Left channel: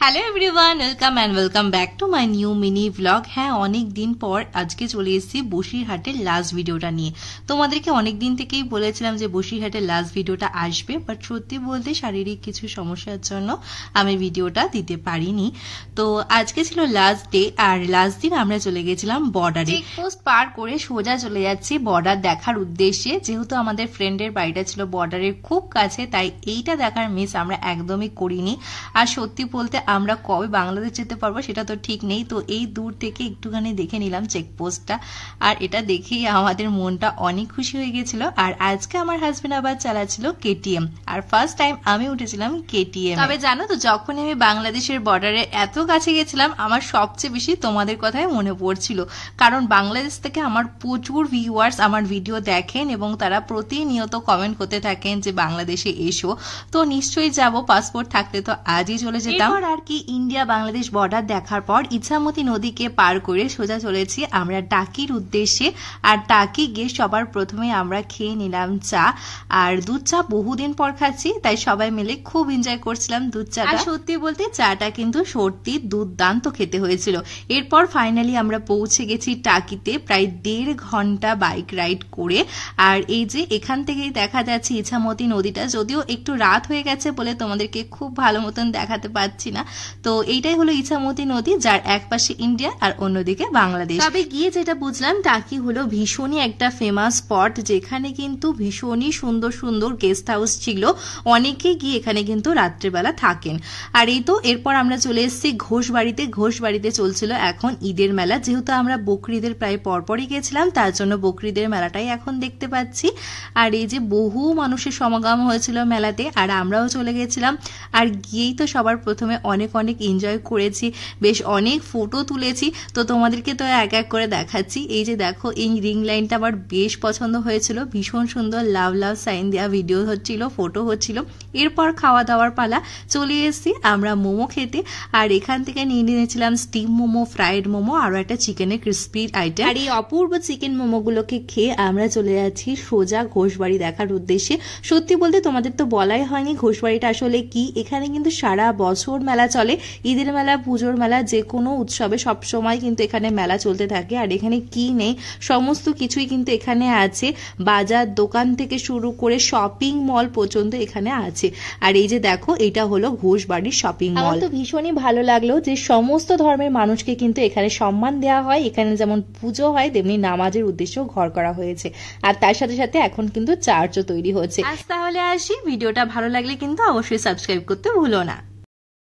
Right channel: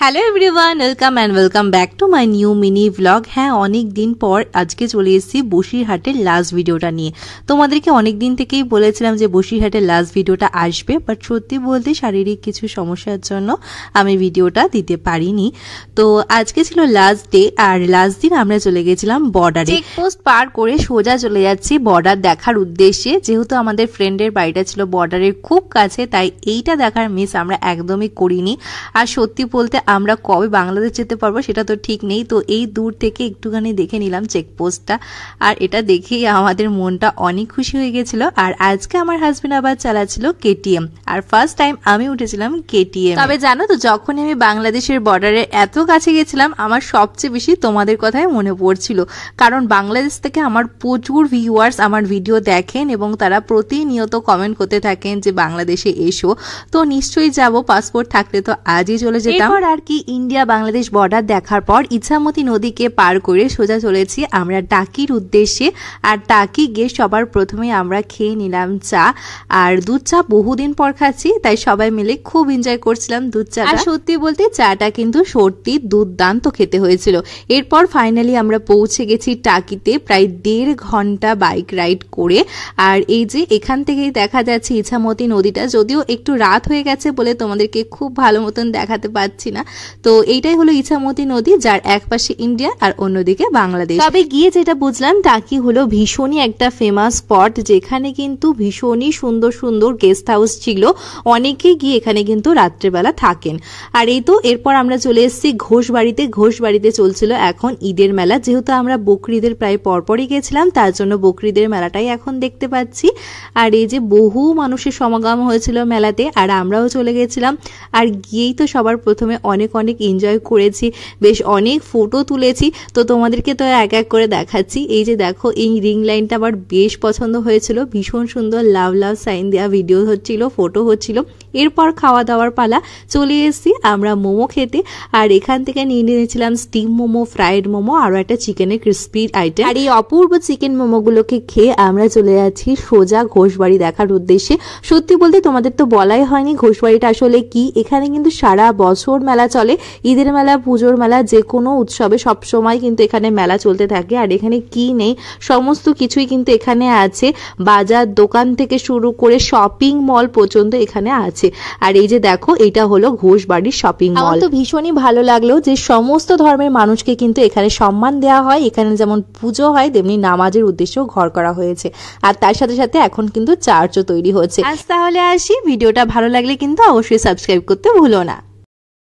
Hello everyone, welcome back to my new mini blog. হ্যাঁ, অনেক দিন পর আজকে চলে এসেছি বসিরহাটের লাস্ট ভিডিওটা নিয়ে। তোমাদেরকে অনেক দিন থেকেই বলেছিলাম যে বসিরহাটের লাস্ট ভিডিওটা আসবে, বাট সত্যি বলতে শারীরিক কিছু সমস্যার জন্য আমি ভিডিওটা দিতে পারিনি। তো আজকে ছিল লাস্ট ডে, আর লাস্ট দিন আমরা চলে গেছিলাম বর্ডারে। চেকপোস্ট পার করে সোজা চলে যাচ্ছি বর্ডার দেখার উদ্দেশ্যে। যেহেতু আমাদের ফ্রেন্ডের বাড়িটা ছিল বর্ডারের খুব কাছে, তাই এইটা দেখার মিস আমরা একদমই করিনি। আর সত্যি বলতে আমরা কবে বাংলাদেশ যেতে পারবো সেটা তো ঠিক নেই, তো এই দূর থেকে একটুখানি দেখে নিলাম চেকপোস্টটা, আর এটা দেখেই আমাদের মনটা অনেক খুশি হয়ে গেছিল। আর আজকে আমার হাজবেন্ড আবার চালাচ্ছিল কেটিএম, আর ফার্স্ট টাইম আমি উঠেছিলাম কেটিএম। তবে জানো তো, যখন আমি বাংলাদেশের বর্ডারে এত কাছে গেছিলাম, আমার সবচেয়ে বেশি তোমাদের কথাই মনে পড়ছিল, কারণ বাংলাদেশ থেকে আমার প্রচুর ভিউয়ার্স আমার ভিডিও দেখেন এবং তারা প্রতিনিয়ত কমেন্ট করতে থাকেন যে বাংলাদেশে এসো। তো নিশ্চয়ই যাব, পাসপোর্ট থাকলে তো আজই চলে যেতাম। আর কি ইন্ডিয়া বাংলাদেশ বর্ডার দেখার পর ইছামতি নদীকে পার করে সোজা চলেছি আমরা টাকির উদ্দেশ্যে। আর টাকি গিয়ে সবার প্রথমে আমরা খেয়ে নিলাম চা, আর দুধ চা বহুদিন পর খাচ্ছি, তাই সবাই মিলে খুব এনজয় করছিলাম দুধ চা। আর সত্যি বলতে চাটা কিন্তু সত্যি দুর্দান্ত খেতে হয়েছিল। এরপর ফাইনালি আমরা পৌঁছে গেছি টাকিতে, প্রায় 1.5 ঘন্টা বাইক রাইড করে। আর এই যে এখান থেকেই দেখা যাচ্ছে ইছামতি নদীটা, যদিও একটু রাত হয়ে গেছে বলে তোমাদেরকে খুব ভালো মতন দেখাতে পারছি না। তো এইটাই হলো ইছামতি নদী, যার এক পাশে ইন্ডিয়া আর অন্যদিকে বাংলাদেশ। তবে গিয়ে যেটা বুঝলাম, টাকি হলো ভীষণই একটা ফেমাস স্পট, যেখানে কিন্তু ভীষণই সুন্দর সুন্দর গেস্ট হাউস ছিল। অনেকে গিয়ে এখানে কিন্তু রাত্রেবেলা থাকেন। আর এই তো এরপর আমরা চলে এসেছি ঘোষবাড়িতে। ঘোষবাড়িতে চলছিল এখন ঈদের মেলা, যেহেতু আমরা বকরিদের প্রায় পরপরই গেছিলাম, তার জন্য বকরিদের মেলাটাই এখন দেখতে পাচ্ছি। আর এই যে বহু মানুষের সমাগম হয়েছিল মেলাতে, আর আমরাও চলে গেছিলাম। আর গিয়েই তো সবার প্রথমে অনেক এনজয় করেছি, বেশ অনেক ফটো তুলেছি, তো তোমাদেরকে তো এক এক করে দেখাচ্ছি। এই যে দেখো, এই রিং লাইনটা আমার বেশ পছন্দ হয়েছিল, ভীষণ সুন্দর লাভ সাইন দেওয়া ভিডিও হচ্ছিল, ফটো হচ্ছিল। এরপর খাওয়া দাওয়ার পালা, চলে এসেছি আমরা মোমো খেতে। আর এখান থেকে নিয়ে নিয়েছিলাম স্টিম মোমো, ফ্রাইড মোমো, আরো একটা চিকেনের ক্রিস্পি আইটেম। আর এই অপূর্ব চিকেন মোমোগুলোকে খেয়ে আমরা চলে যাচ্ছি সোজা ঘোষবাড়ি দেখার উদ্দেশ্যে। সত্যি বলতে তোমাদের তো বলাই হয়নি ঘোষবাড়িটা আসলে কি। এখানে কিন্তু সারা বছর মেলা চলে, ঈদের মেলা, পুজোর মেলা, যে কোনো উৎসবে সবসময় কিন্তু এখানে মেলা চলতে থাকে। আর এখানে কি নেই, সমস্ত কিছুই কিন্তু এখানে আছে, বাজার দোকান থেকে শুরু করে শপিং মল পর্যন্ত এখানে আছে। আর এই যে দেখো, এটা হলো ঘোষবাড়ির শপিং মল। আমার তো ভীষণই ভালো লাগলো যে সমস্ত ধর্মের মানুষকে কিন্তু এখানে সম্মান দেওয়া হয়। এখানে যেমন পুজো হয়, তেমনি নামাজের উদ্দেশ্যেও ঘর করা হয়েছে। আর তার সাথে সাথে এখন কিন্তু চার্চও তৈরি হচ্ছে। আজ তাহলে আসি, ভিডিওটা ভালো লাগলে কিন্তু অবশ্যই সাবস্ক্রাইব করতে ভুলো না।